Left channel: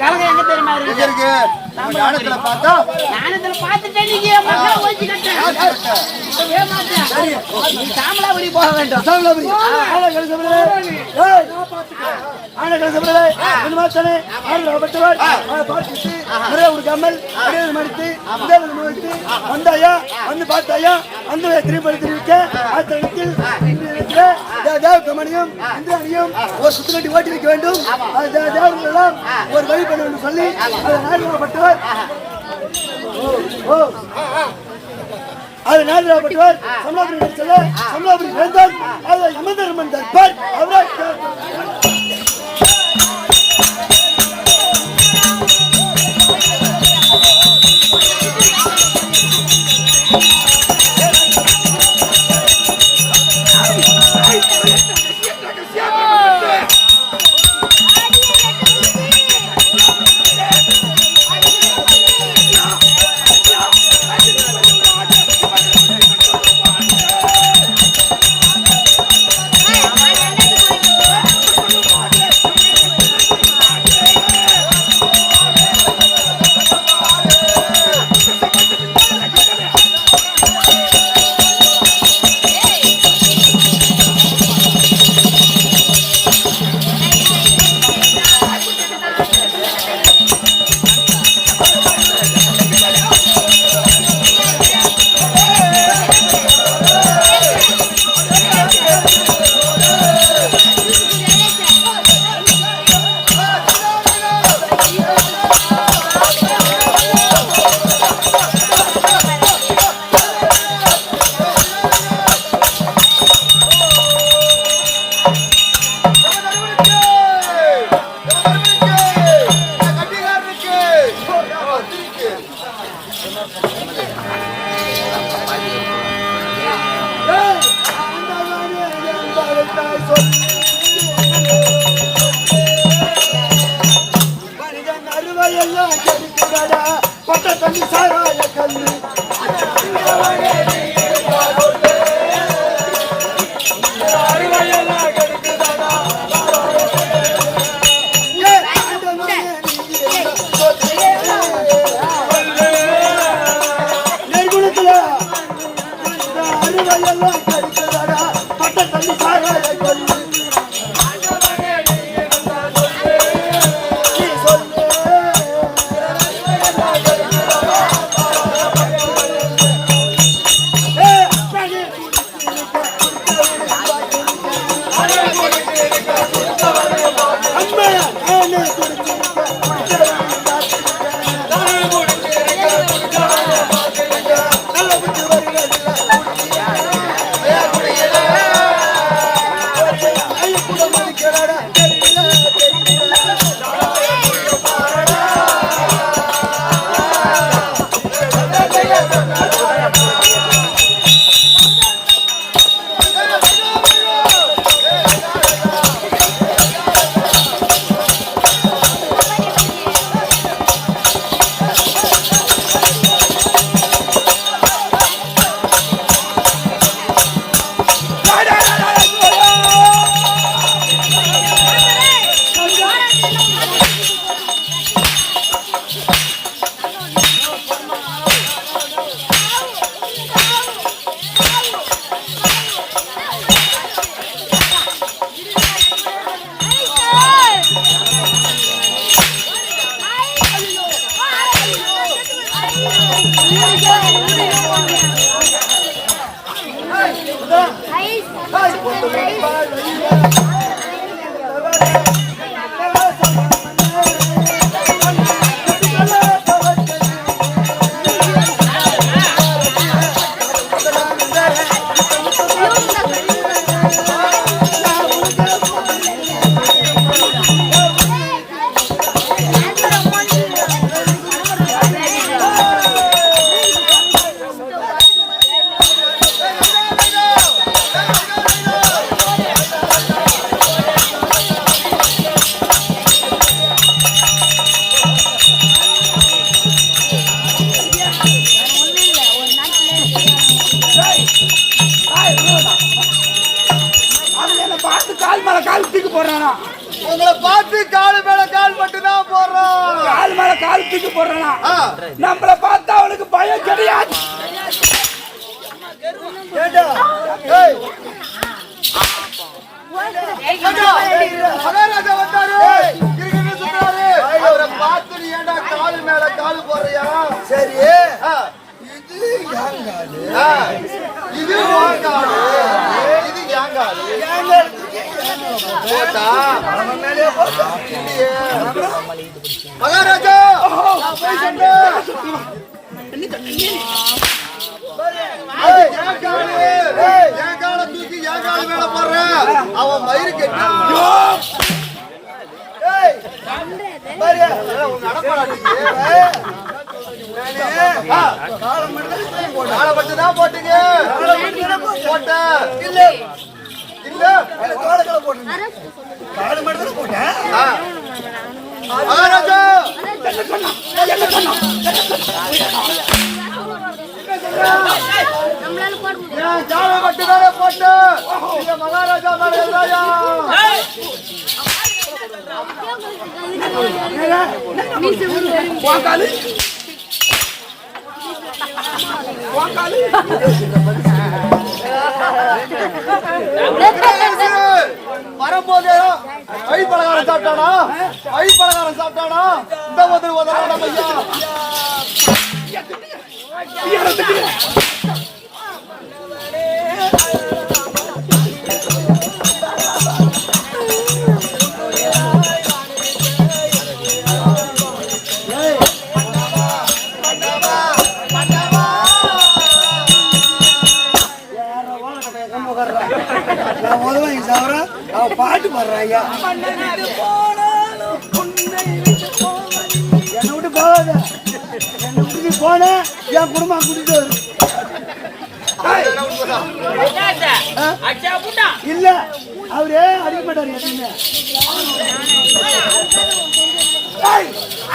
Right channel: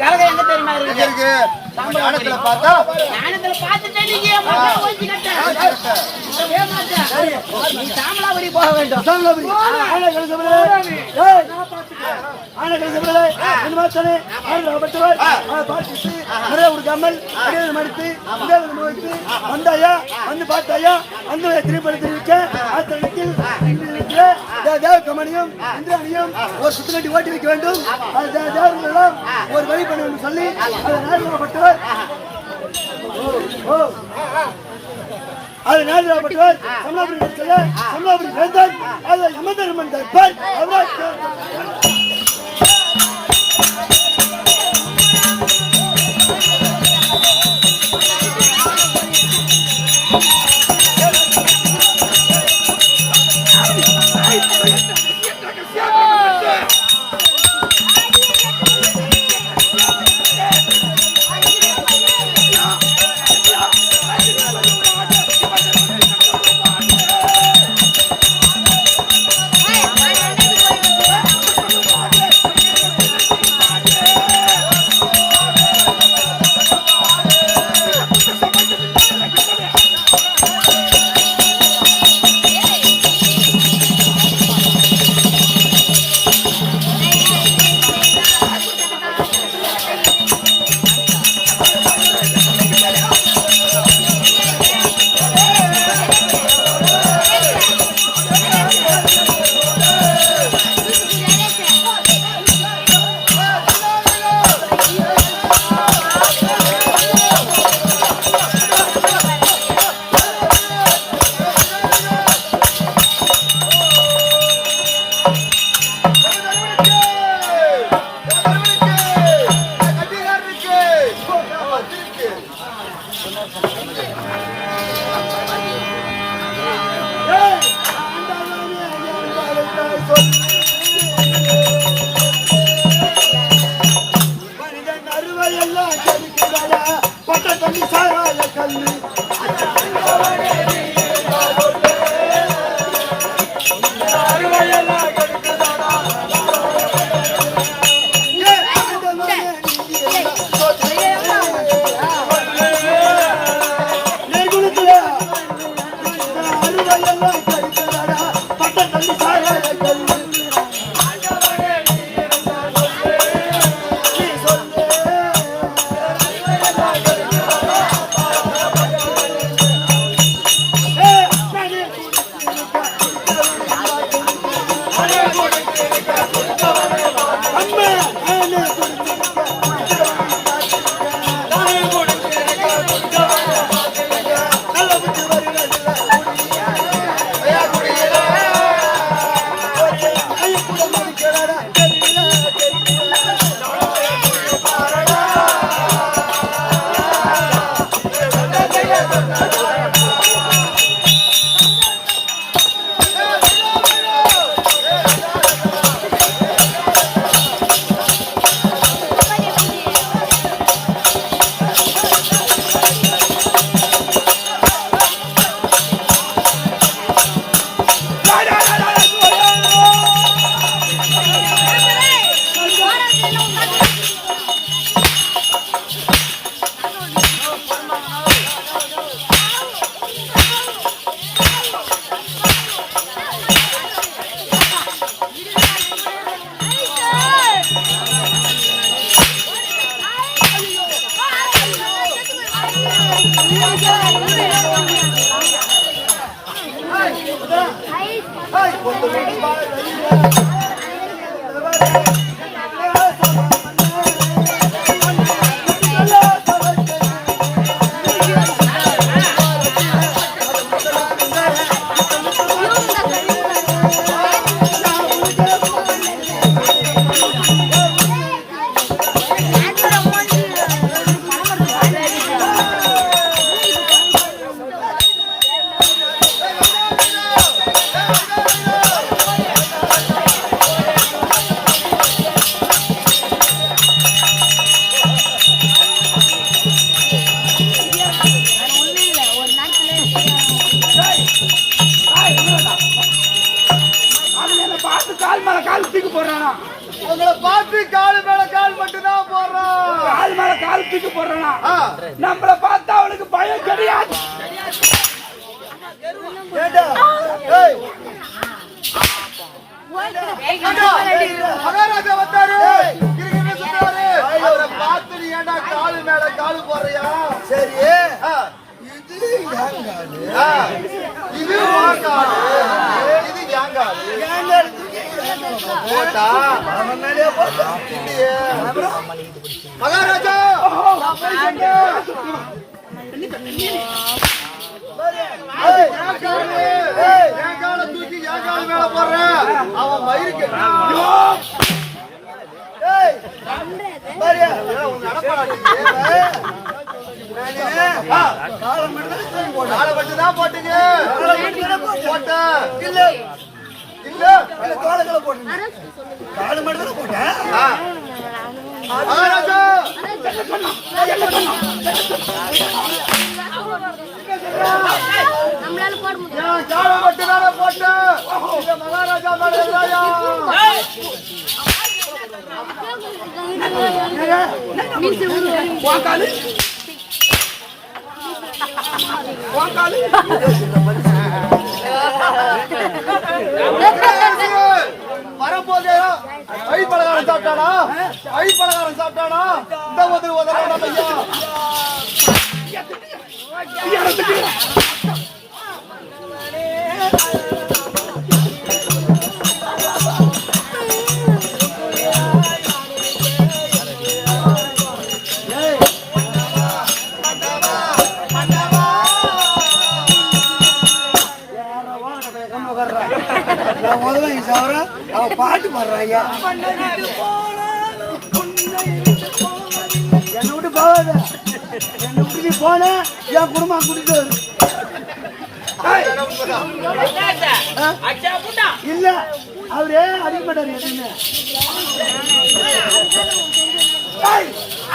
கலகம் எங்க தெரியுமா இருக்கு? ஞானத்துல பார்த்தா ஞானத்துல பார்த்துட்டேன். நீங்க மக்கள் ஓய்ச்சி கட்டேன் நீ சாமலாபுரி போக வேண்டும். வந்தாயா வந்து பார்த்தாயா அந்த திருப்பதி தெரிவிக்க தேவகமணியும் இந்திராணியும் ஒரு சுத்துக்கட்டி ஓட்டி வைக்க வேண்டும். தேவர்களெல்லாம் ஒரு வழி பண்ண வேண்டும் சொல்லி பட்டவர் அது நாடுபட்டவர் சமாபுரி வேந்தார் யமதர்மன் தர்பார் அவரால் மனிதன் அறுவையெல்லாம் கெடுக்கிறாடா பட்ட தண்ணி சாராய கல்லு அறுவையெல்லாம் கெடுக்கிறாடா நெருங்குளத்துல அறுவையெல்லாம் கெடுக்கிறாடா பட்ட தண்ணி சாராய கல்லு உங்களை பார்த்து கால் மேல கால் மட்டும் தான் போடுறோம். காலத்துக்கு போடுறானா நம்மள பார்த்தா அவனுக்கு பயம் கிடையாது. ஏண்டா ஏய் மகாராஜா வந்தாரு கிரிகிரி சுத்தாரு அவரை பார்த்து நீ ஏண்டா காலு மேல காலு போடுறியா? சரி இது யாங்காலு இது வாங்காலு இது யாங்காலு யாங்காலு போட்டா அவன் மேலே போட்டா இல்லையே. மகாராஜா ஏய் ஏய் என் கால தூக்கி என் கால மேல போடுறேன் அவன் மயிருக்கு ஏய் பாரியா உங்க நடப்பாடாட்டுக்கு காலம் மட்டும் போட்டா காலை மட்டும் தான் போட்டீங்க போட்ட இல்ல இல்ல இல்ல தோளங்களை போட்டேன் காலம் மட்டும் போட்டேன் மகாராஜா நம்மளால போட முடியும். என் காலை மட்டும் தானே போட்டேன் இந்த மகாராஜா மேல எதாயா வாங்காலு வாங்காலு வரும்போது ஐ பலகாரம் சாப்பிட்டானா ஐ பலகாரம் சாப்பிட்டானா இந்த வந்து உதவான நான் முதல்ல சாவர அவன் பாட்டு பாடுறாங்க என்னை விட்டு போகாத என்னை விட்டு நீ போன என் குடும்பம் கூட்டிட்டு வரு இல்ல அவரே அடிக்க மாட்டாரு எதுவுமே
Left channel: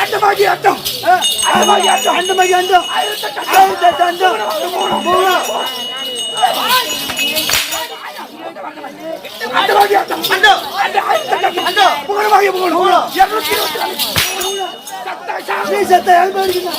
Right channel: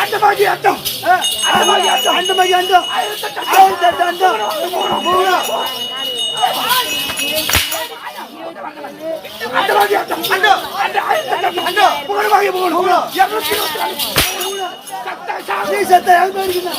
அந்த மாதிரி அட்டம் அந்த மாதிரி அட்டம் அந்த மாதிரி அண்டம் அந்த மாதிரி அட்டம் அந்த புகழ் புகழ் 224 சத்தா சத்த எழுப்ப இருக்குண்ணா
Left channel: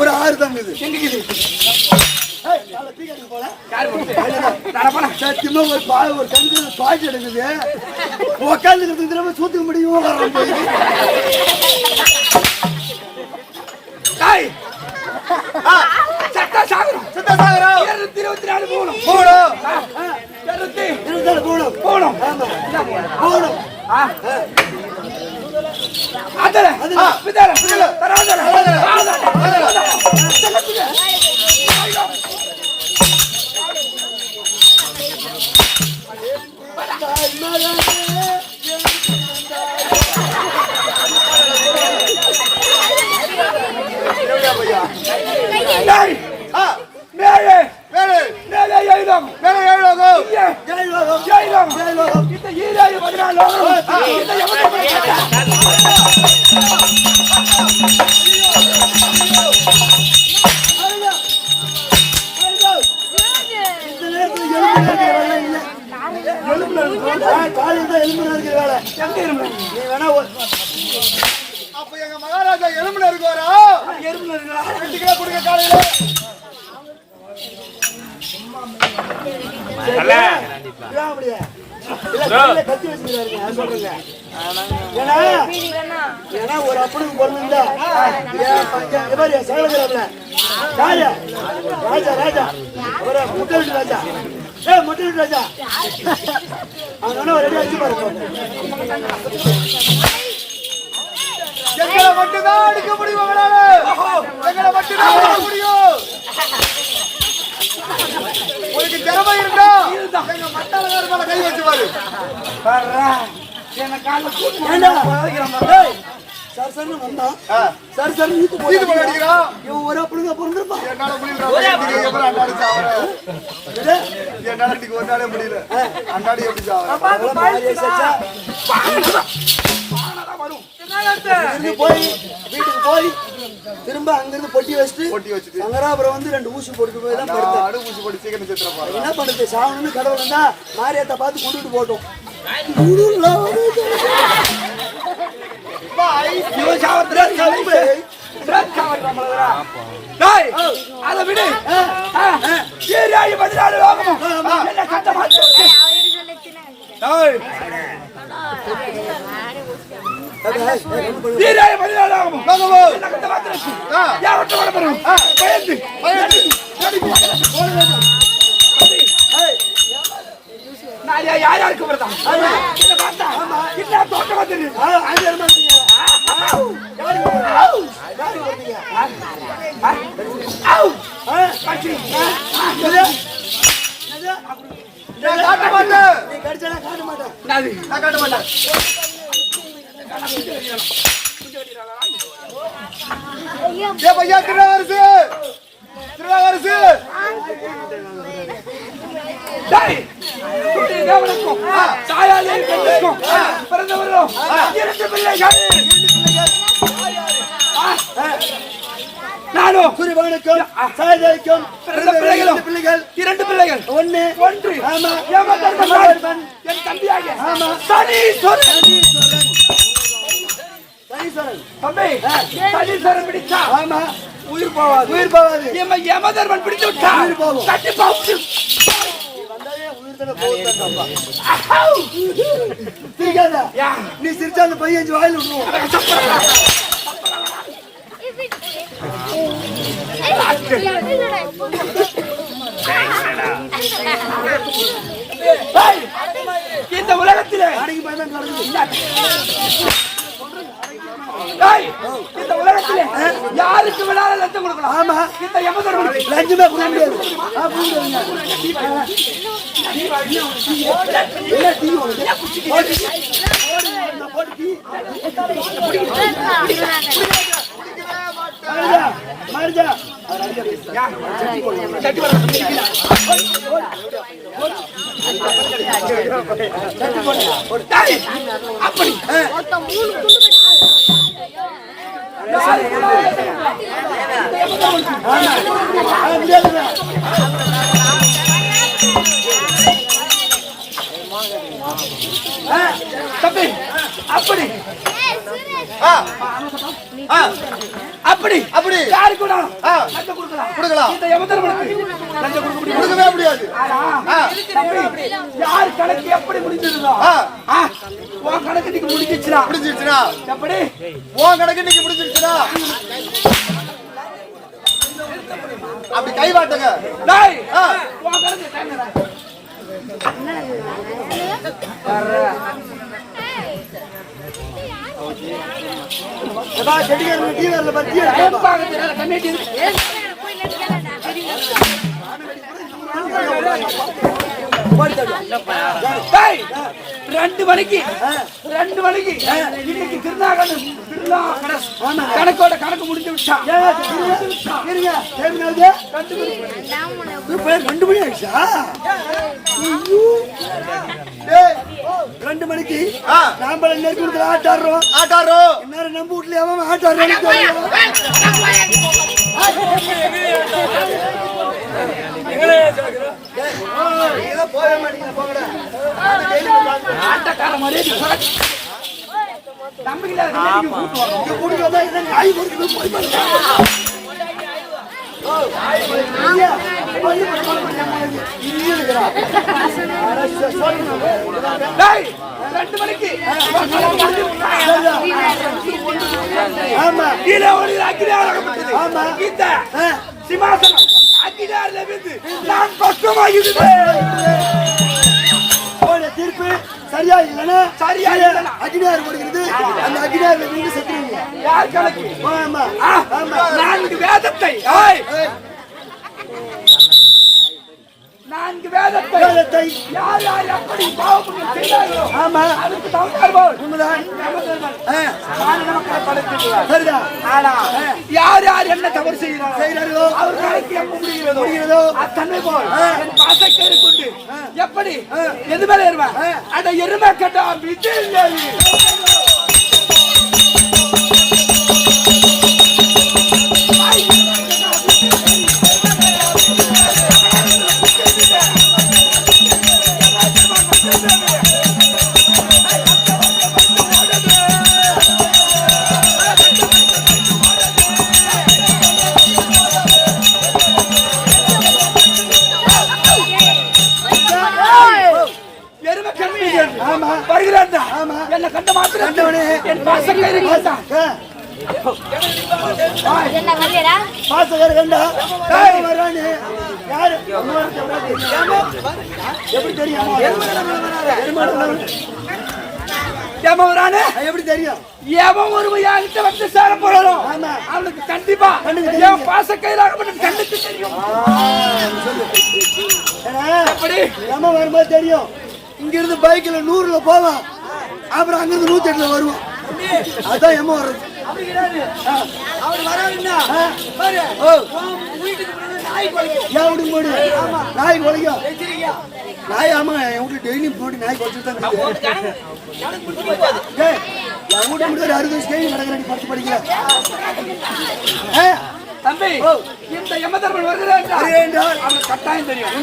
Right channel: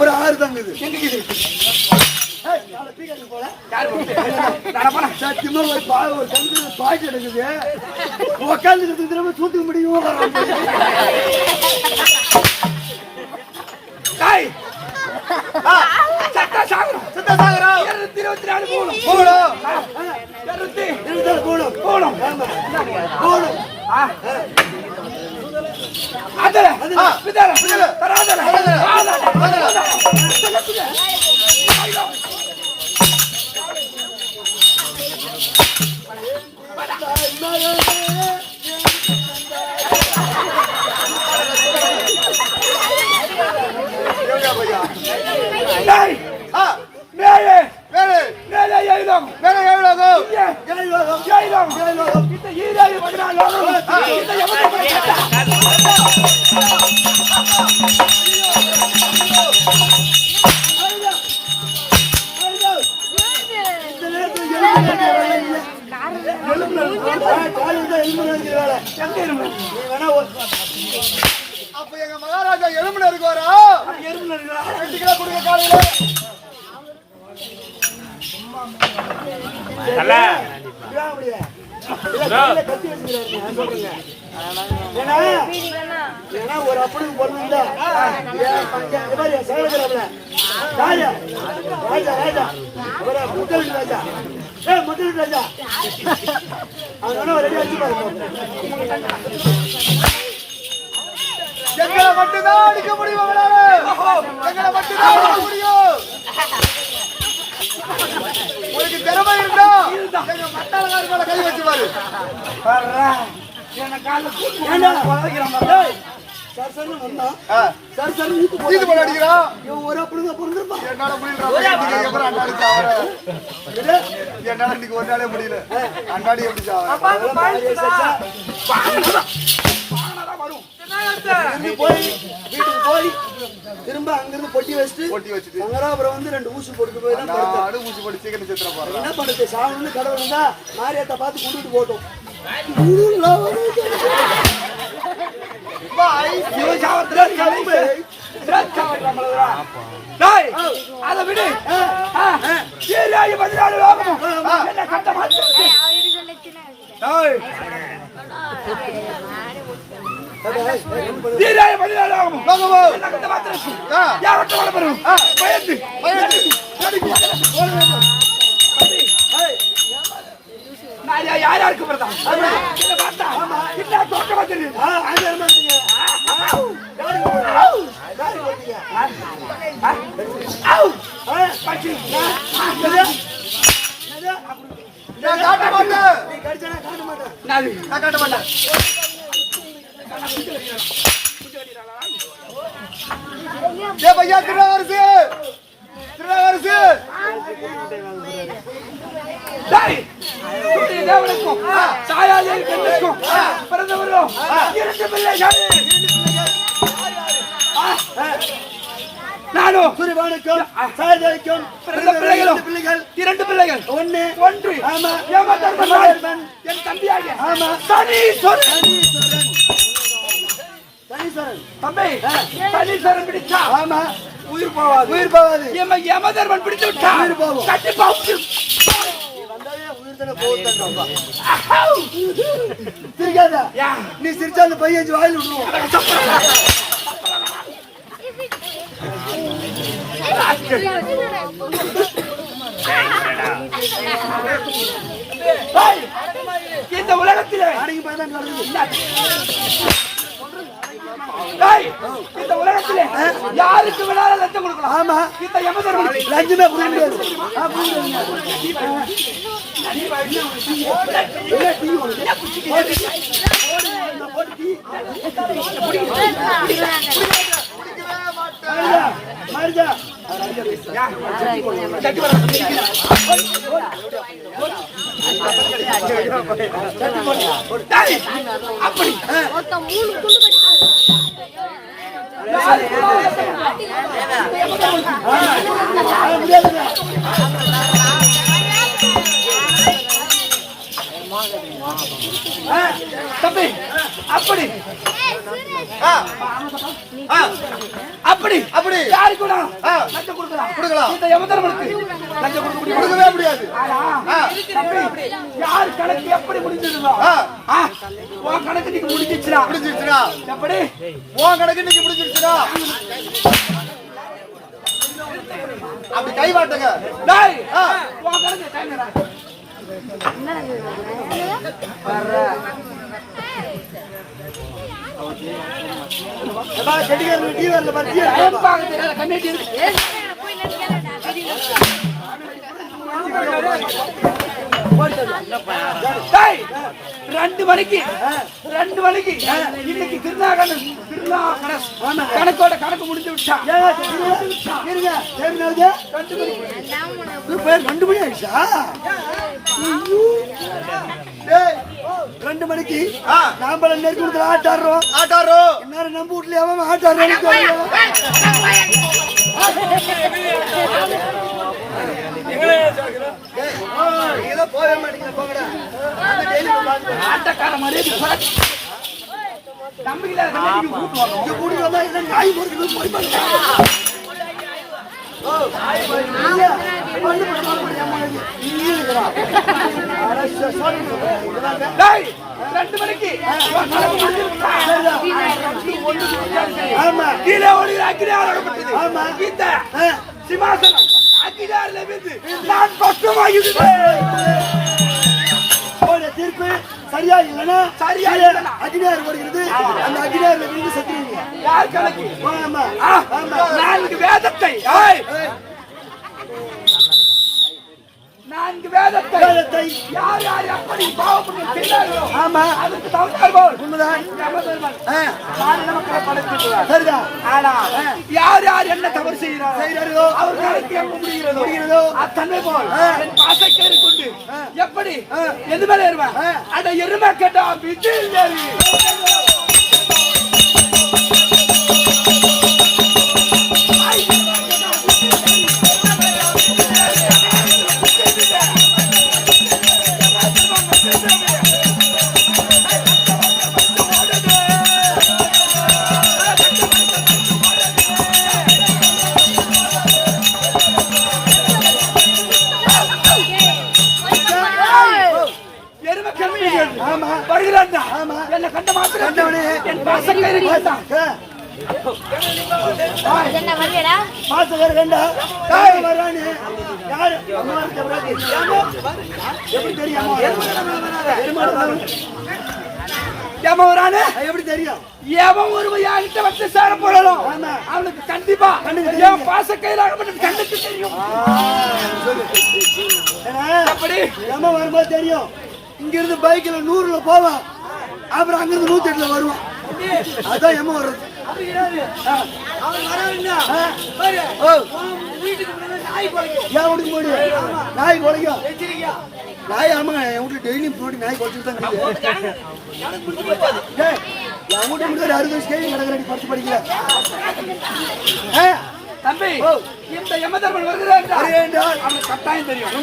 ஒரு ஆறு தான் இது ஒரு தண்ணி பாய்ச்சி எடுக்குது உட்காந்துக்கிறது திரும்ப சூத்துக்க முடியும் சத்தா சாகரம் சுத்த சாகரம் 224 போகணும் போகணும் போகணும் அதல பிதல தராதல அப்ப எங்க மகாராஜா எலும்புல இருக்குவாரா? எலும்புல இருக்கா? 2 கிலோ கொடுங்க காலையில. அல்ல ஏன்னா ஒரு அப்பனுக்கு பொண்ணு ராஜா ராஜா ஒரு முட்டை ராஜா முட்டை ராஜா அவன ரெடி ஆச்சு பாரு எங்களை மட்டும்தான் அடிக்க முடியும் அவளால எங்களை மட்டும்தான் அடிக்க முடியும் உனக்கு திறமை இருந்தா எங்க மட்டாளக்கார மேல கை வச்சு பாரு என்ன கால கூட்டு சார் சார் வந்தா சார் சார் இது போல அடிக்கிறான் ஒரு அப்படிங்க பொறுங்கப்பா என்னால முடியல அப்புறம் அண்டாடி சாவற என்னால இன்னைக்கு ஒரு நாளே முடியல அண்டாடி எப்படி வீட்டுக்கு போய் திரும்ப அங்கிருந்து பொட்டி வச்சுட்டு சங்கராபுரம் வந்து 2 ஊசி போட்டு போய் தான் ஊசி போட்டு சீக்கிரம் செத்துற பாரு என்ன பண்ணுறது சாவணும்னு கடவுள் இருந்தா மாரியத்தை பார்த்து கொண்டுட்டு போட்டோம் அதை விடு சீராயி 14 வாங்கணும் என்ன கட்ட சீராயி 14 வாங்கணும் என்ன கட்ட மாத்திரம் யார்கிட்ட வர போறோம் பயந்து யாருக்கு வருதா இல்ல பார்த்தா இல்ல தோட்ட வந்து தேவனுக்கும் தாயாரின் பெண்ணுக்கும் பிறந்தவர்களும் 2 பிள்ளைகள் நானும் சூரியவானுக்கும் சாயதாய்க்கும் பிறந்த பிள்ளைகளும் 2 பிள்ளைகள் ஒன்று ஆமா யமதர்மன் என் தம்பியாக ஆமா சனீஸ்வரன் தம்பி சனீஸ்வரன் பிடிச்சா ஆமா உயிர் போவாது யமதர்மன் பிடித்து விட்டா கட்டி பாப்பு சிரிக்காத நீ சிரிச்சா அந்த பையன் வாயில் விடுவோம் இந்த உலகத்திலே அடங்கி பயதான் நடக்குது இந்த உலகத்திலே யாருக்கு வேணாலும் லஞ்சம் கொடுக்கலாம் ஆமா இந்த யமதர்மனுக்கு லஞ்சமே கொடுக்க அப்படி தம்பி அப்படி அப்படி அப்படி யாருக்கு லஞ்சம் கொடுக்கலாம் இந்த யமதர்மனுக்கு லஞ்சம் கொடுக்கவே முடியாது தம்பி யார் கணக்கு எப்படி முடிஞ்சிருந்தோ உன் கணக்கு நீங்க முடிஞ்சிச்சுனா எப்படி உன் கணக்கு நீங்க முடிஞ்சிருச்சுனா அப்படி கை வாட்டுங்க உன் கணக்கு ரெண்டு மணிக்கு இன்னைக்கு கணக்கோட கணக்கு முடிஞ்சு விட்டா 2 மணி ஆயிடுச்சா 2 மணிக்கு நாம நெருக்கத்துல ஆட்டாடுறோம் எல்லாரும் நம்ம வீட்டுல அவன் ஆட்டாடுறோம் ஆட்டக்கார மாதிரி நம்பிக்கை ரெண்டு மணிக்கு கீழே ஒரு அக்கினி வழங்கப்பட்டது. இந்த சிம்மாசனம் அக்கிடாரில் விழுந்து நான் பக்கமாகிவிடுவேன். உங்களுடைய தீர்ப்பு சரியா இல்லைன்னா சரியா இல்லைன்னா அக்னியார் வருகிறது. அந்த அக்னியார்ல நீங்க செத்துறீங்க. யார் கணக்கு? ஆமா ஆமா. 4 வேதத்தை 4 வேதத்தை யார் யார் எப்படி பாவம் செய்தார்களோ ஆமா அதுக்கு தகுந்தார்கள் உண்மைதான். மாநில மக்களை படைத்திருக்கிறார். சரிதான். ஆனா யார் யார் என்ன தவறு செய்கிறார்களோ அவர் கணக்கு எப்ப முடிகிறதோ அத்தன்மை போல் என் பாசக்கேறி கொண்டு எப்படி எது மேல ஏறுவேன் அட எருமை கேட்டா விட்டு வருகிறான். என்ன கண்ட மாத்திரம் என் பாசக்கேறி பார்த்தான். என்ன வரலடா பாசகர் கண்டா வரானே யாரு எப்படி தெரியும்? ஏமாறானே எப்படி தெரியும்? எவன் ஒருமையாகிட்ட வந்து சேர போறோம் அவனுக்கு கண்டிப்பா என் பாசக்கயிறாக மட்டும் கண்ணுக்கு தெரியும். எப்படி ஏமா வரும்போது தெரியும். இங்க இருந்து பைக்ல 100ல போவான், அப்புறம் அங்க இருந்து 108ல வருவான். அதான் ஏமா வர்றது. அவர் வராருன்னா ஏன் விடுங்க போடு நாய் குலைக்கும். நாய் ஆமா என் வீட்டுல டெய்லி போட்டு நாய் குலைச்சு தான் என் வீட்டு முடியாது 60 வயசு கேள்வி நடக்கிறாடி படிச்சு படிக்கல. தம்பி இந்த யமதர்மன் வருகிறான் அவனுக்கு கட்டாயம் தெரியும்.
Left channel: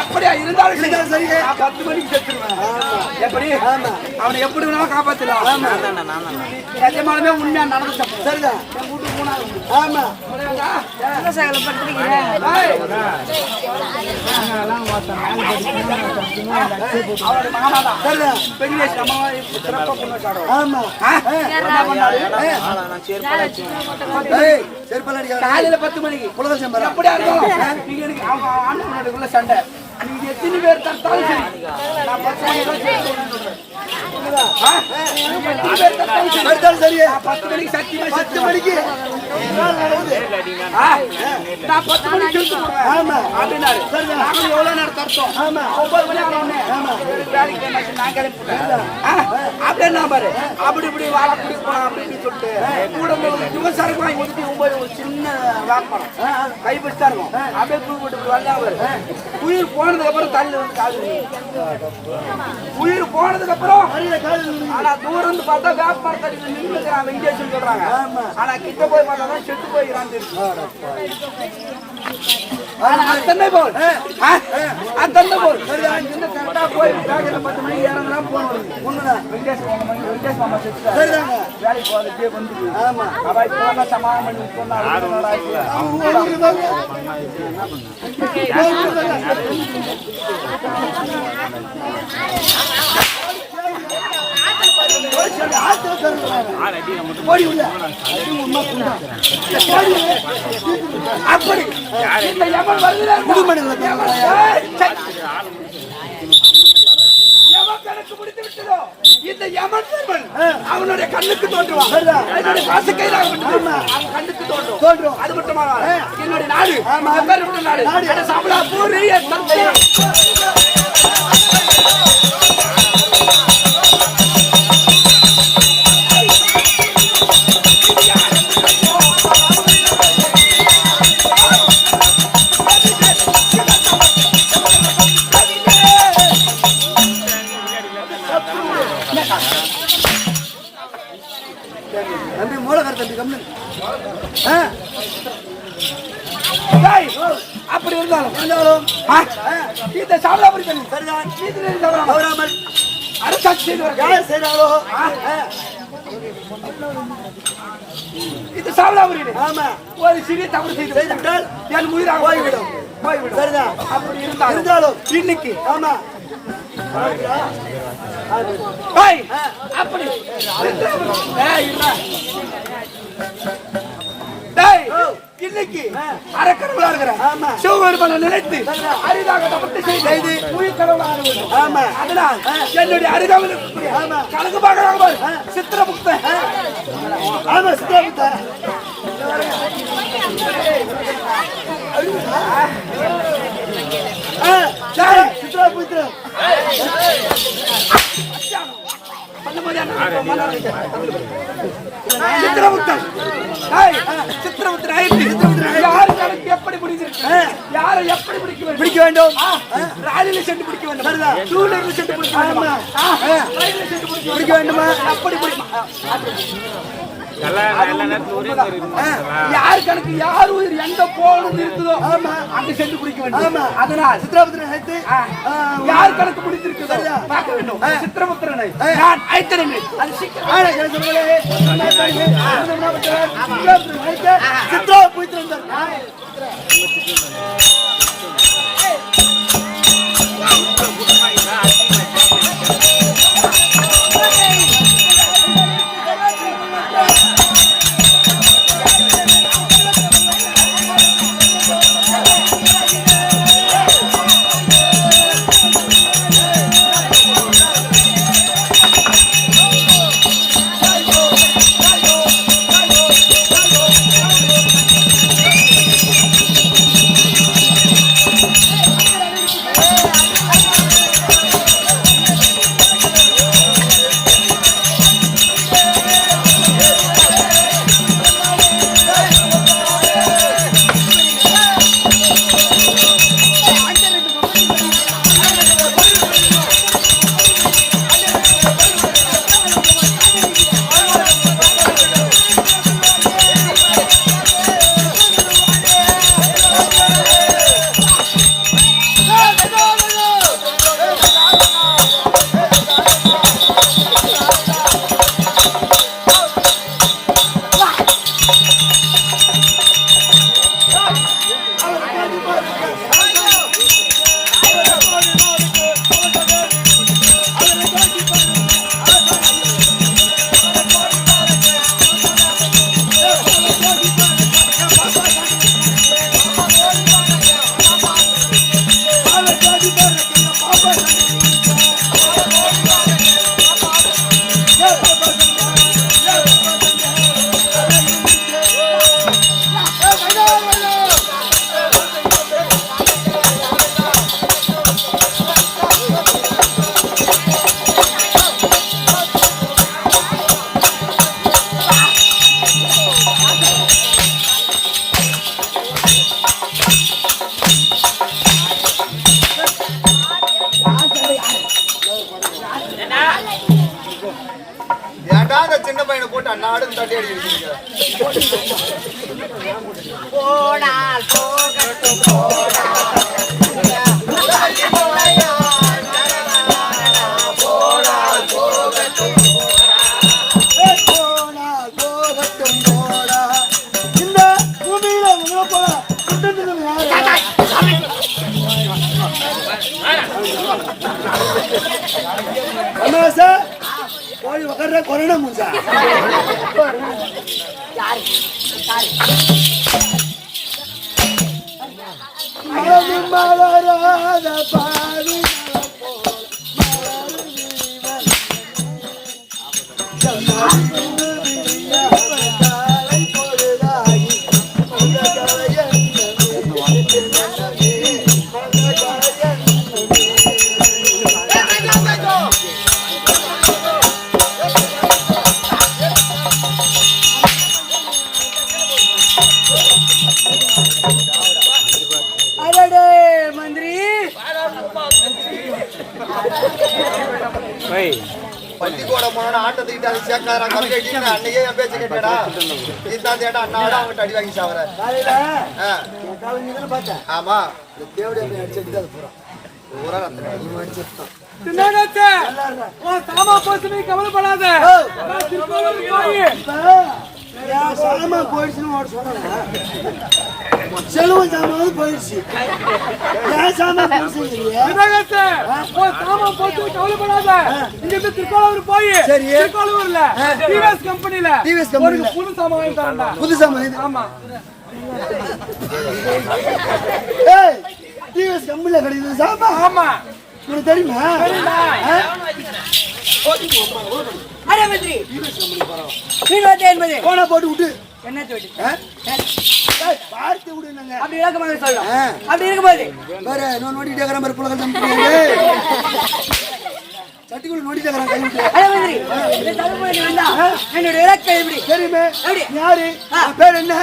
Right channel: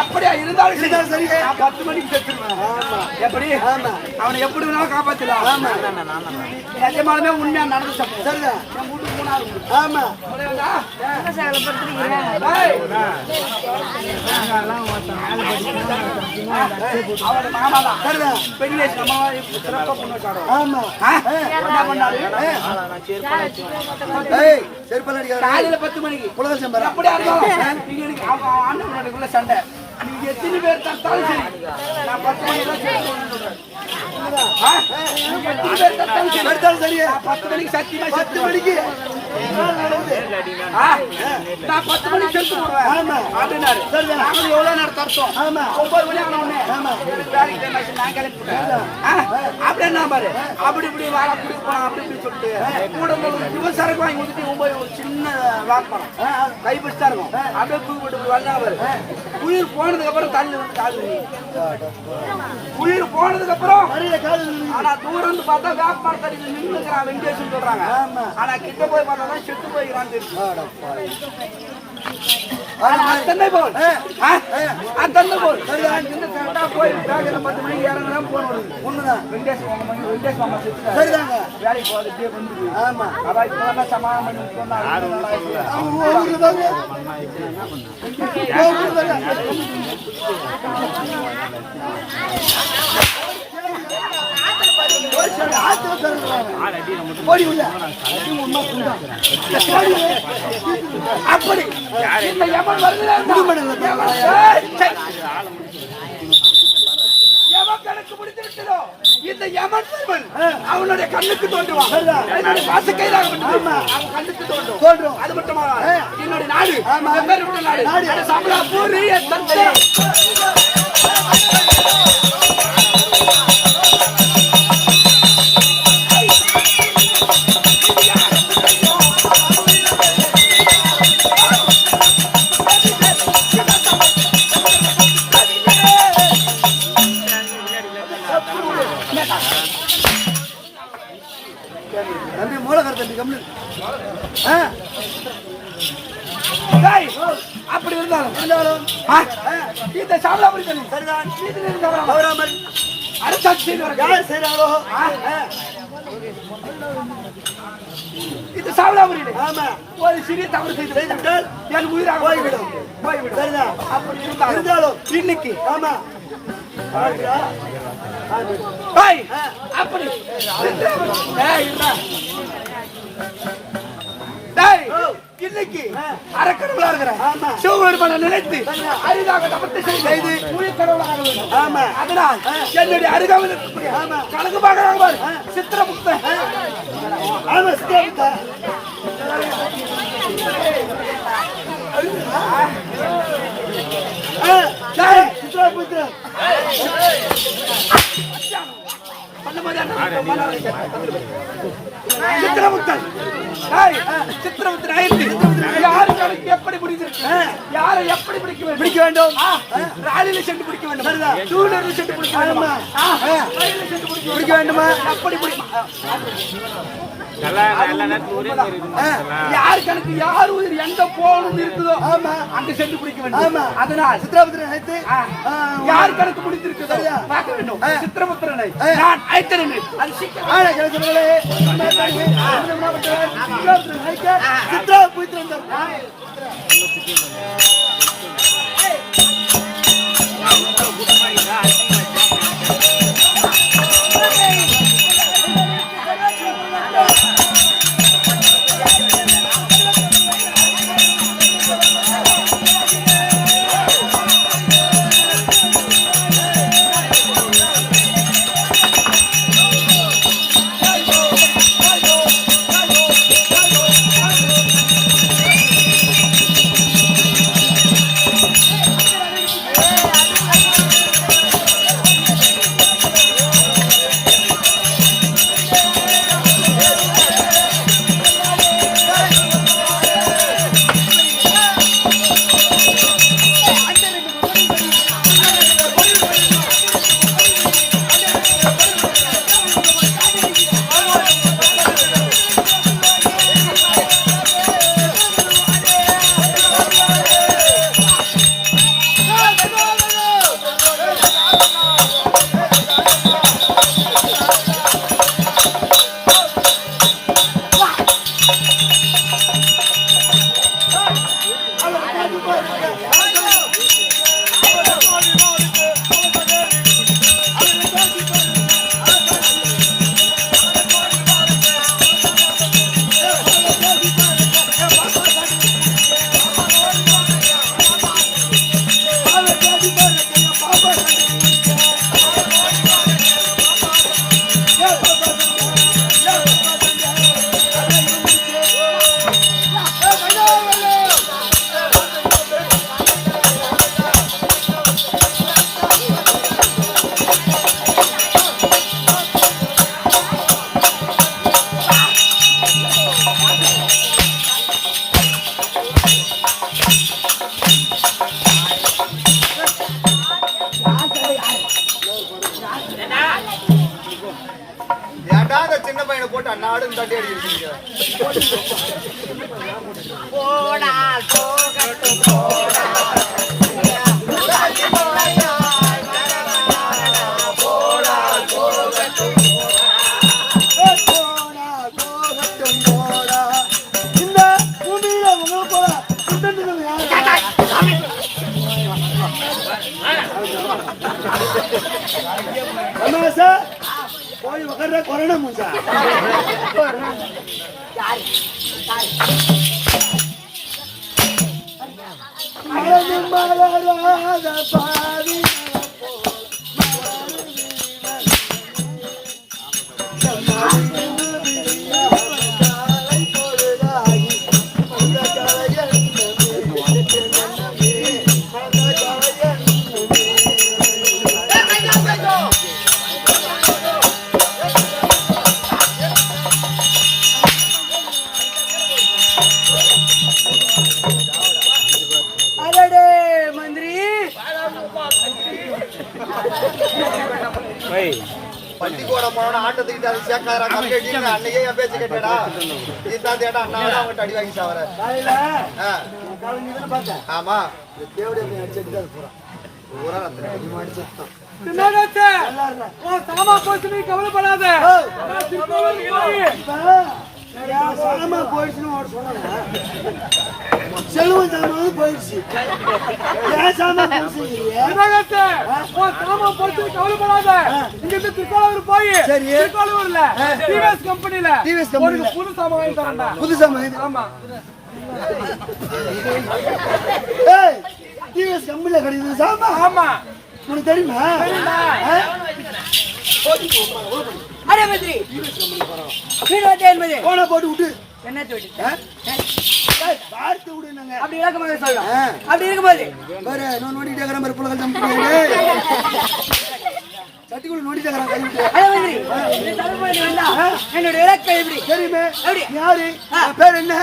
எப்படியா இருந்தாலும் சரி 10 மணிக்கு செத்துருவேன். எப்படி அவனை எப்படி வேணாலும் காப்பாத்தலாம். நிஜமாலுமே உண்மையா நடந்துச்சு. சரிதான். என் வீட்டுக்கு போனாலும் ஆமா அவனோட மாமாதான். சரிதான். பெரிய சிறப்பா பொண்ணு சாடுவோம். ஆமா என்ன பண்ணாரு காலையில 10 மணிக்கு அப்படியா இருந்தாலும் நீங்க எனக்கு அண்ணன் சண்டை நீங்க எத்தனை பேர் தத்தாலும் சரி நான் 10 மணிக்கு தான் சேர்த்து சொல்றேன். எத்தனை பேர் தத்தாலும் சரி 10 மணிக்கு சத்தியமா 10 மணிக்கு நான் 10 மணிக்கு சேர்த்து போடுவேன் அப்படின்னாரு. நாங்களும் எவ்வளவு நேரம் தரத்தோம் 9 மணி ஆன உடனே எனக்கு வேலைக்கு டைம் ஆச்சு நான் கிளம்பி போட்டேன். அப்படின்னா பாரு அப்படி இப்படி வாழ குடி போலாம் அப்படி இப்படி சொல்லிட்டு கூட யுவசரக்கு வாங்கி ஊத்திட்டு 9 ஒரு சின்ன வியாபாரம் கைப்பிடிச்சா இருக்கும். அப்படியே தூக்கு போட்டு இப்படி வந்தா பாரு உயிர் போனதுக்கு அப்புறம் தள்ளி வந்து காது உயிர் போனதுக்கு அப்புறம் ஆனா தூரம் வந்து பார்த்தா வியாபாரம் தண்ணி நின்றுக்கிறான் வெங்கடேசன் சொல்றாங்க. ஆனா கிட்ட போய் பார்த்தா தான் செத்து போயிடறான் தெரியும். அத்தனை போல் அத்தனை போல் இன்னும் கரெக்டா போய் 10 மணிக்கு இறங்கலாம் போன வருது. வெங்கடேஷ் மாமா செத்து வேலைக்கு போறதே வந்து ஆமா அவ இப்பதான் சமாளம் பண்ணி சொன்னா அப்படி இந்த யமன் வருகிறான். எவன் கணக்கு முடித்து விட்டதோ இந்த யமன் அவனுடைய கண்ணுக்கு தோன்றுவான். என்னுடைய பாசக்கையிலாக அவன் கண்ணுக்கு தோன்றும். அது மட்டுமா என்னுடைய நாடு நாடு சம்பளா பூரி தம்பி மூலகர் தம்பி கம்னு அப்படி இருந்தாலும் இந்த சாமலாபுரி தண்ணி சரிதான் அவராமல் அரசாட்சி செய்தாரோ இந்த சாமலாபுரியிலே ஒரு சிறிய தவறு செய்து விட்டால் என் உயிராக போய்விடும் சரிதான். அப்படி இருந்தாலும் இன்னைக்கு ஆமா அப்படி இன்னைக்கு அறக்கடவுளா இருக்கிறேன் சிவபெருமானை நினைத்து அரிதாக தபத்தை செய்து உயிர் கடவுளாக வேண்டும். ஆமா. அதனால் என்னுடைய அரிதாவில் இருக்கக்கூடிய கணக்கு பார்க்கிறாங்க சித்திரமுக்தன். ஆமா சித்திரமுக்தா. சித்திரமுக்தன் சித்திரமுக்தன் யாரு கணக்கு எப்படி பிடிச்சிருக்கு, யாரை எப்படி பிடிக்க வேண்டும், ராலில சென்று பிடிக்க வேண்டும், டூலர்ல சென்று பிடிக்க வேண்டுமா, ரயில்ல சென்று பிடிக்க வேண்டுமா, எப்படி யார் கணக்கு யார் உயிர் எந்த போனும் இருக்குதோ அங்க சென்று பிடிக்க வேண்டும். அதனால் சித்திரமுத்திரனை யார் கணக்கு முடித்திருக்குதோ பார்க்க வேண்டும். சித்திரமுத்திரனை நான் அழைத்தேன். அது சின்ன பையனை போட்டு அண்ணாடு தட்டி அடிக்கிறீங்க. போடால் போகட்டும் போடால் கொரோனா மூசா பள்ளிக்கூட போன ஆட்டத்துக்கிட்ட அது சேர்க்காரா கல்கட்டின்னு அன்னைக்கே என் பேச்சு கேட்டேடா. நீதான் தேடா அண்ணாவோட அவங்க அடி வாங்கி சாவற. ஆமா கவலைப்படாத போயிடுச்சுன்னு செலவும் சாமான் போயிடுச்சு. ஏன் சாமான் கவலைப்படாத. இங்க இருந்து திருக்கோளூர் போய் திருக்கோளூர்ல டிவிஎஸ் கம்பெனில புது சாமான் வாங்கி தரேன்டா. புது சாமான்? ஆமா. ஏய் டிவிஎஸ் கம்பெனில கிடைக்குது சாமா. ஆமா உனக்கு தெரியுமா? அரே மந்திரி வீடு வந்து என்பது போனா போட்டு விட்டு என்ன சொல்லி பார்த்து விடுங்க. அப்படி இலக்கமாக சொல்லலாம். அப்படி இருக்கும்போது வேற நோண்டிட்டே இருக்கிற மாதிரி புலகள் தம்பி சட்டிக்குள்ள நோண்டிட்டே இருக்கிறான் கை விட்டு. அரே மந்திரி இந்த தலைமுறை வந்தா என்னோட இலக்கை எப்படி தெரியுமே? எப்படி? யாரு? பேர் என்ன?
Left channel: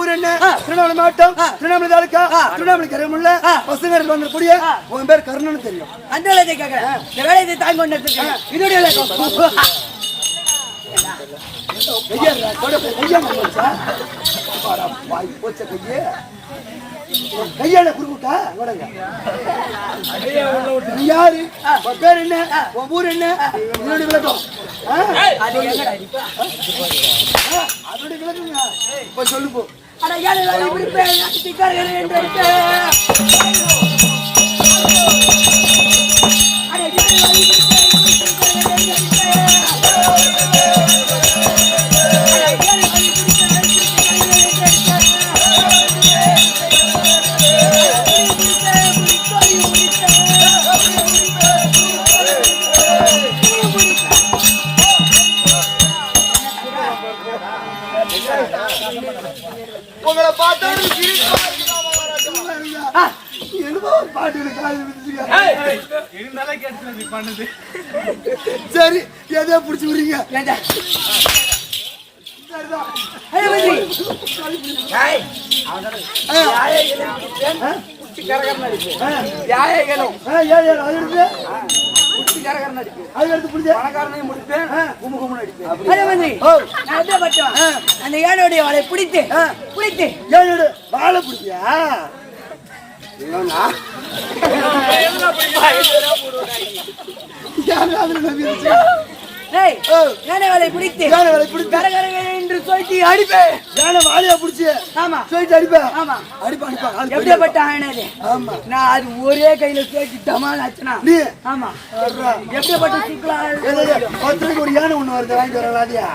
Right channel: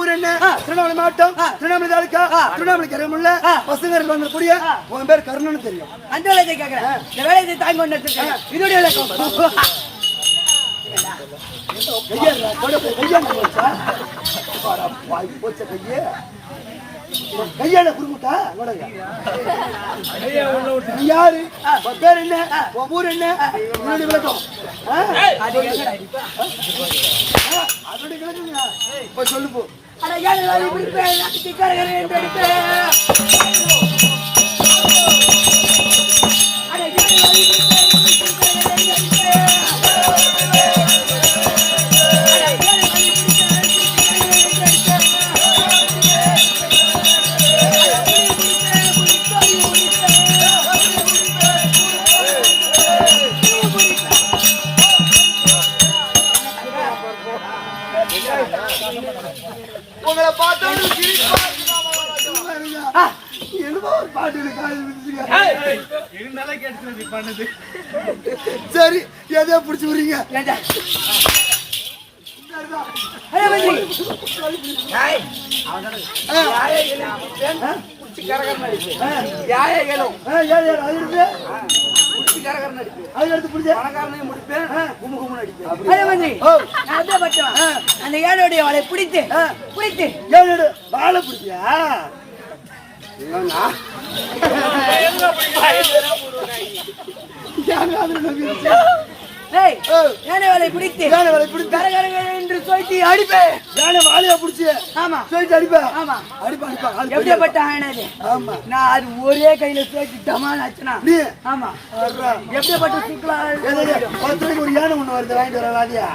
ஊர் என்ன? திருவண்ணாமலை மாவட்டம், திருவண்ணாமலை தாலுக்கா, திருவண்ணாமலை கரைமுள்ள பசங்க வந்தக்கூடிய உன் பேர் கர்ணன் தெரியும். அந்த இலக்கை கேட்க இந்த வேலையை தாங்கி கொண்டு இதோட இலக்கம் கையால குறுக்கிட்டா யாரு? பேர் என்ன? ஊர் என்ன? இதனுடைய விளக்கம் அதோட விளக்குங்க. இப்ப சொல்லு போ. உங்களை பார்த்தா சரி எதோ பிடிச்சு விடுறீங்க. அந்த ஏழையுடைய வாழை பிடித்து பிடித்து ஏழோட வாழை பிடிச்சியா? யானை வேலை பிடித்து யானை வேலை பிடித்து கரகர என்று சொல்லிட்டு அடிப்பேன். யானை வாழையா பிடிச்சி ஆமா சொல்லிட்டு அடிப்பேன். ஆமா அடிப்பா அடிப்பா. எப்படிப்பட்ட ஆனது? ஆமா நான் அது ஒரே கையில சேர்த்து டமால் ஆச்சுனா நீ ஆமா எப்படிப்பட்ட சுக்லா 10 ரூபாய்க்கு ஒரு யானை ஒண்ணு வருது வாங்கிட்டு வர வாதியா?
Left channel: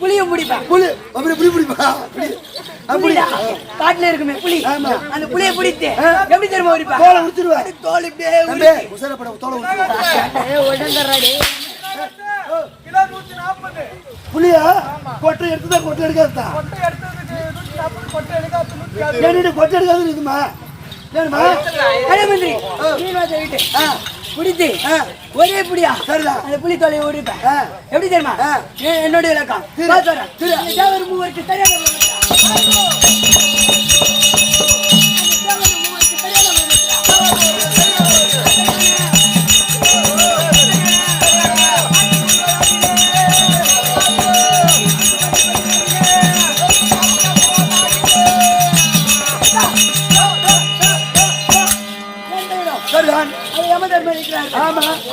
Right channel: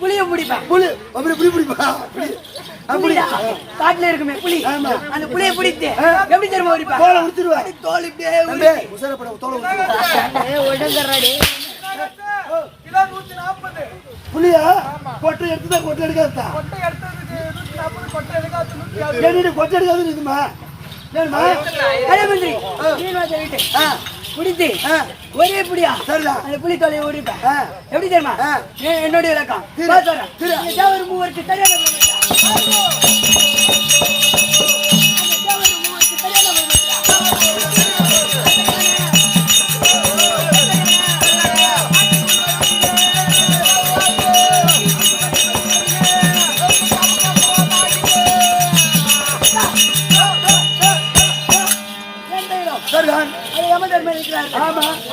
புளியும் பிடிப்பேன். புலி அப்படி புலி பிடிப்பா அப்படி காட்டுல இருக்குமே புலி அந்த புளியை பிடித்து எப்படி தெரியுமா உரிப்பா? தோலை உடுத்துருவா. தோல் இப்படியே உசரப்பட தோலை உடுத்துருவா. புளியா கொட்டை எடுத்துதான் கொட்டை எடுக்காதா? கொட்டை எடுக்காது இருக்குமா? வேணுமா? அதே மாதிரி மீன்வாசை விட்டு பிடித்து ஒரே புடியா சரிதான் அந்த புளி தொலையை ஓடிப்பேன். எப்படி தெரியுமா? என்னுடைய இலக்கம் ஒரு மூவருக்கு சரியான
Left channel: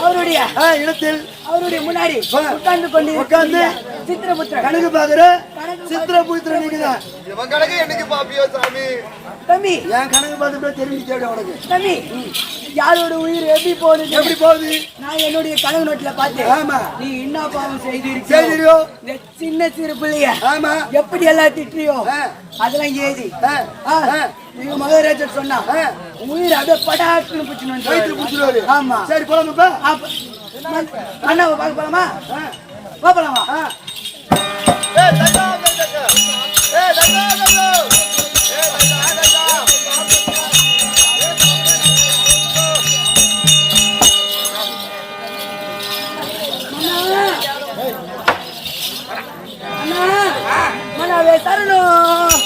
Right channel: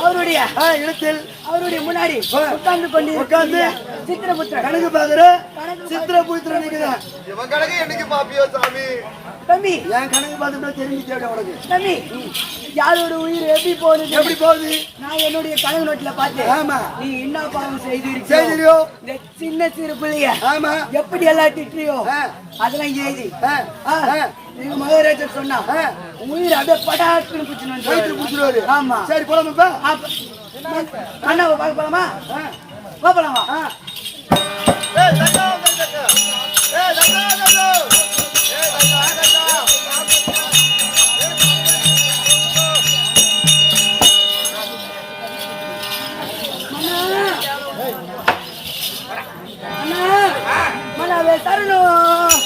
அவருடைய இடத்தில் அவருடைய முன்னாடி உட்கார்ந்து கொண்டு சித்திரபுத்திர கணக்கு பாக்குற சித்திரபுத்திர நீங்கதான். இவன் கணக்கு என்னைக்கு பாப்பியோ சாமி? தம்பி என் கணக்கு பார்த்து தெரிஞ்சு தேவை உனக்கு. தம்பி யாரோட உயிர் எப்படி போகுது? எப்படி போகுது? நான் என்னுடைய கணக்கு நோட்டுல பார்த்தேன். ஆமா நீ என்ன பாவம் செய்திருக்கியோ? இந்த சின்ன சிறு பிள்ளைய ஆமா எப்படி எல்லாம் திட்டியோ அதெல்லாம் எழுதி எங்க மகாராஜர் சொன்னா உயிர் அப்படியே படாக்குன்னு பிடிச்சிருவாரு. ஆமா சரி போலாமாப்பா? அண்ணாவை பார்க்க போலாமா? போலாமா? அண்ணா மனாவே தரணும்.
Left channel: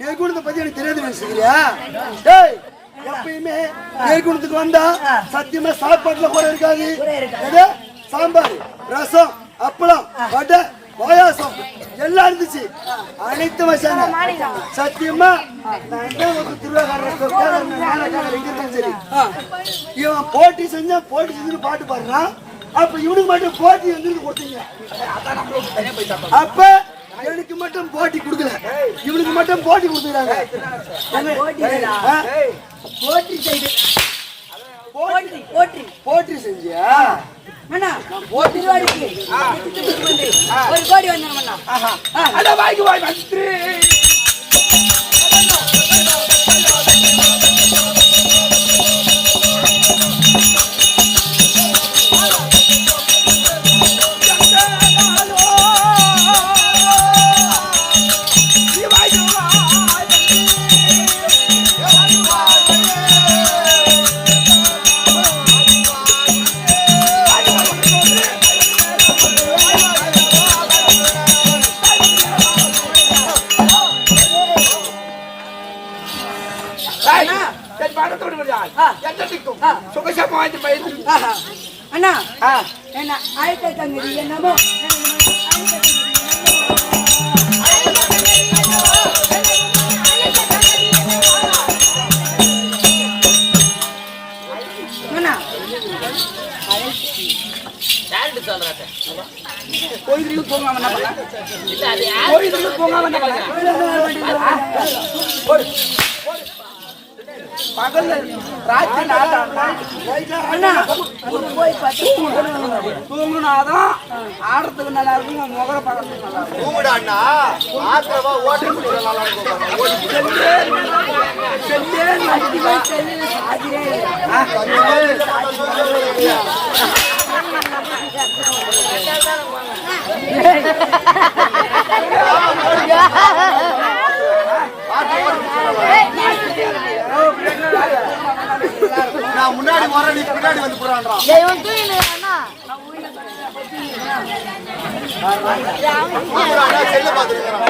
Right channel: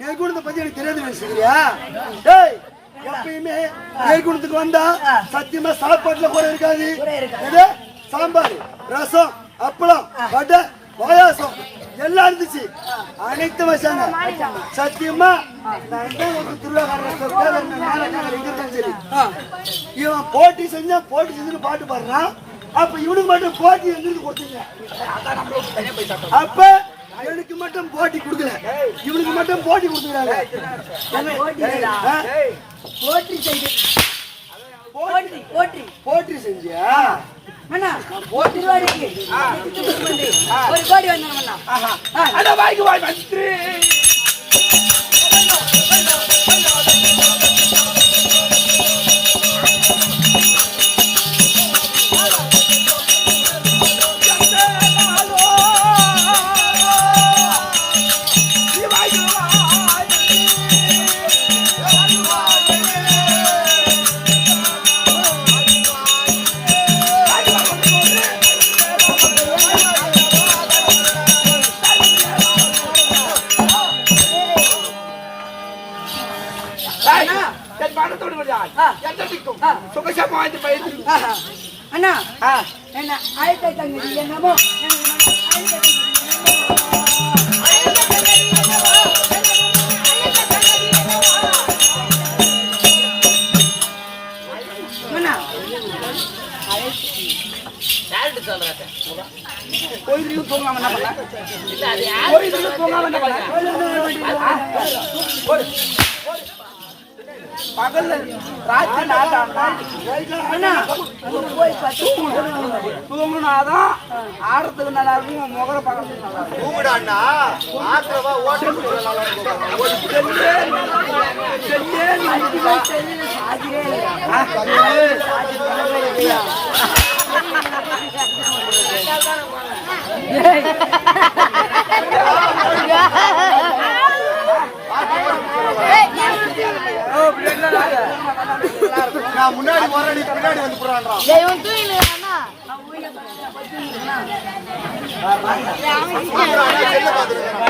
நெல்குணத்தை பத்தி எனக்கு தெரியாது நினைச்சுக்கிறியா? டேய் எப்பயுமே நெல்குணத்துக்கு வந்தா சத்தியமா சாப்பாட்டுல கூட இருக்காது. எது சாம்பார், ரசம், அப்பளம், வடை, பாயாசம் எல்லாம் இருந்துச்சு. அனைத்து வச்சாங்க. சத்தியமா நான் எந்த ஒரு திருவிழாக்காரர் மேலக்காரர் எங்க இருந்தாலும் சரி, இவன் போட்டி செஞ்சுன்னு பாட்டு பாடுறான். அப்ப இவனுக்கு மட்டும் போட்டி எங்கிருந்து கொடுத்தீங்க? அப்ப எனக்கு மட்டும் போட்டி கொடுக்கல, இவனுக்கு மட்டும் போட்டி கொடுத்துக்கிறாங்க. போட்டி செஞ்சியா? ஒரு கோடி வந்தோம். வாய்க்கு வாய் மந்திரி அண்ணா என்ன ஆயிரத்தி தங்கி என்னமோ கோயிலுக்கு போகாம என்ன பண்ண? கோயிலுக்கு போகாம என்ன பண்ண? பகல்ல ராத்திரி தூங்குனாதான் ஆடுறதுக்கு நல்லா இருக்கும், முகர பார்க்கறதுக்கு நல்லா இருக்கும். தூங்குடாண்ணா ஆத்திரமா ஓட்டுறதுக்கு நல்லா இருக்கும். நான் முன்னாடி வர நீ பின்னாடி வந்து போறான்றான். செல்ல பாத்துருக்கான்.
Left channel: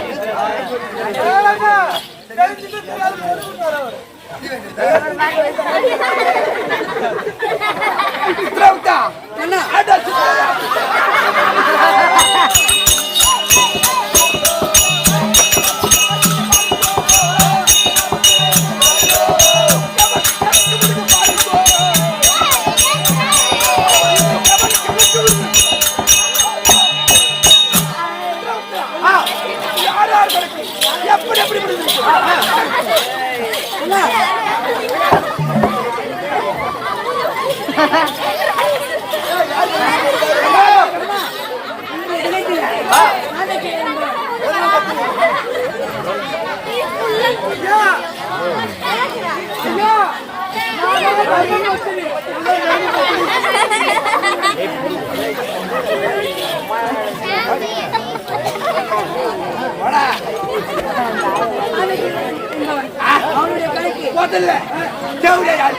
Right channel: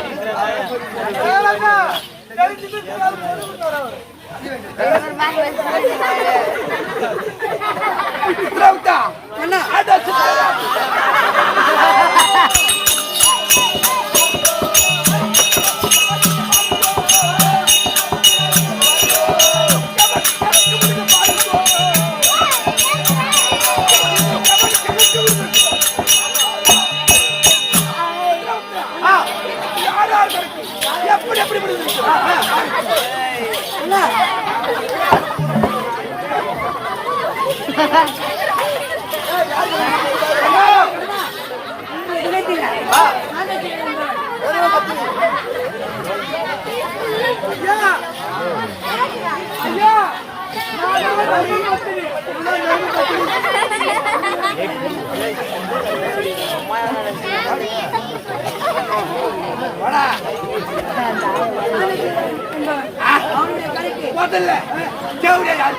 எப்படி எப்படி அவனுடைய கணக்கு முதல்ல ஜவுரியா யாரு?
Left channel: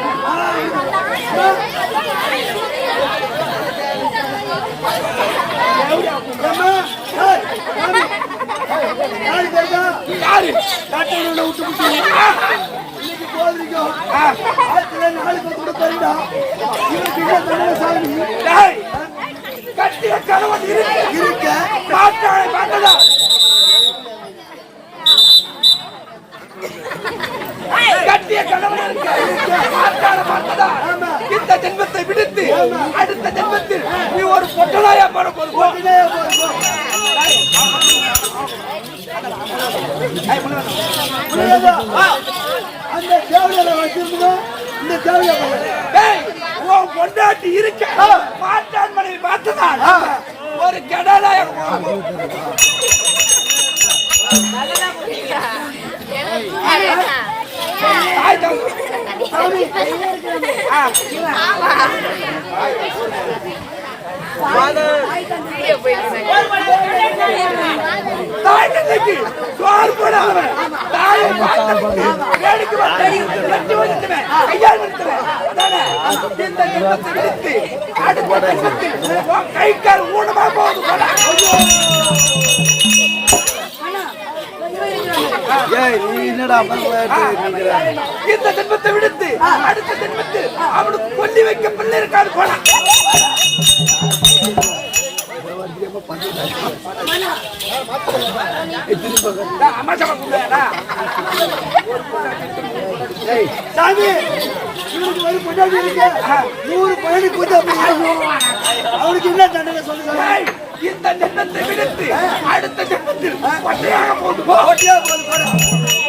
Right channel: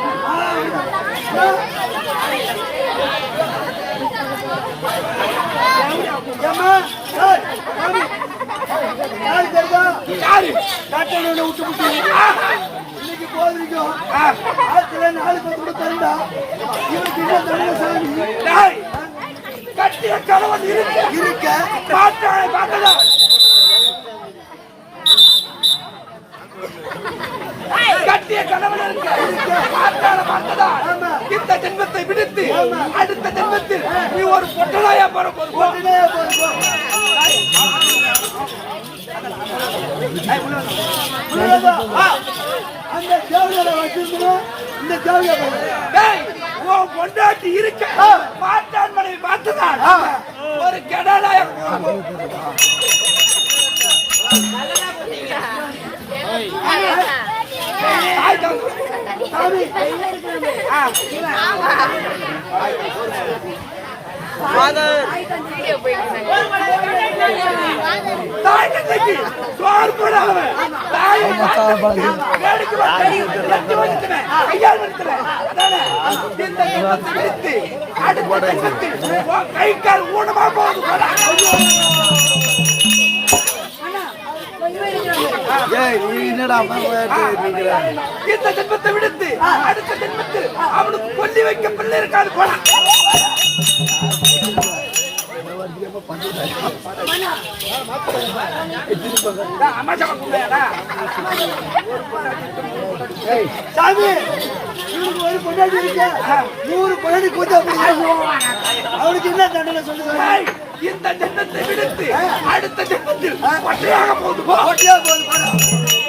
யாரு காட்டல விட்டு விட்டு இன்னைக்கு போதிருக்கோம். ஆத்துல 4 பேர் கூட தருடா. இவனுக்கு என்ன தருட சாமி? கட்டிய கணவன் இருக்க மாட்டாளை பார்த்ததா? கட்டிய கணவன் இருக்க மாட்டாளை பார்த்ததா? இந்த ஜென்மத்தை விடுத்து அடுத்த ஜென்மத்தில் நீ ஒரு பொட்டனாயா போற போது அந்த தேவையான வச்சிருந்தோம். இந்த பொண்டாட்டி இருக்க மாட்டான் மனைவி பார்த்துதான் ஒரு கெடலாய தாய் தந்தைக்கு சோறு போடாதவன் தாயை பார்த்து வேடிக்கை வந்துட்டுவேன் கையால் வந்துட்டுவேன் அதானே இந்த ஜென்மத்தை விடுத்து அடுத்த ஜென்மத்தில் உன் கை கால் ஊனமா போகுது போடா ஏய் நீ என்னடா இந்த ஜென்மத்தை விடுத்து அடுத்த ஜென்மத்தில் அவனுக்கு கொல்லி வைக்க பிள்ளை இருக்காது போடா சாமி இவனுக்கு ஒரு பொண்டாட்டி இருக்கு 100 பொண்டாட்டி கூத்த அவனுக்கு என்ன தண்டனை சொல்லுங்க இந்த ஜென்மத்தை விடுத்து அடுத்த ஜென்மத்தில் ஒற்றையாக போகுது போது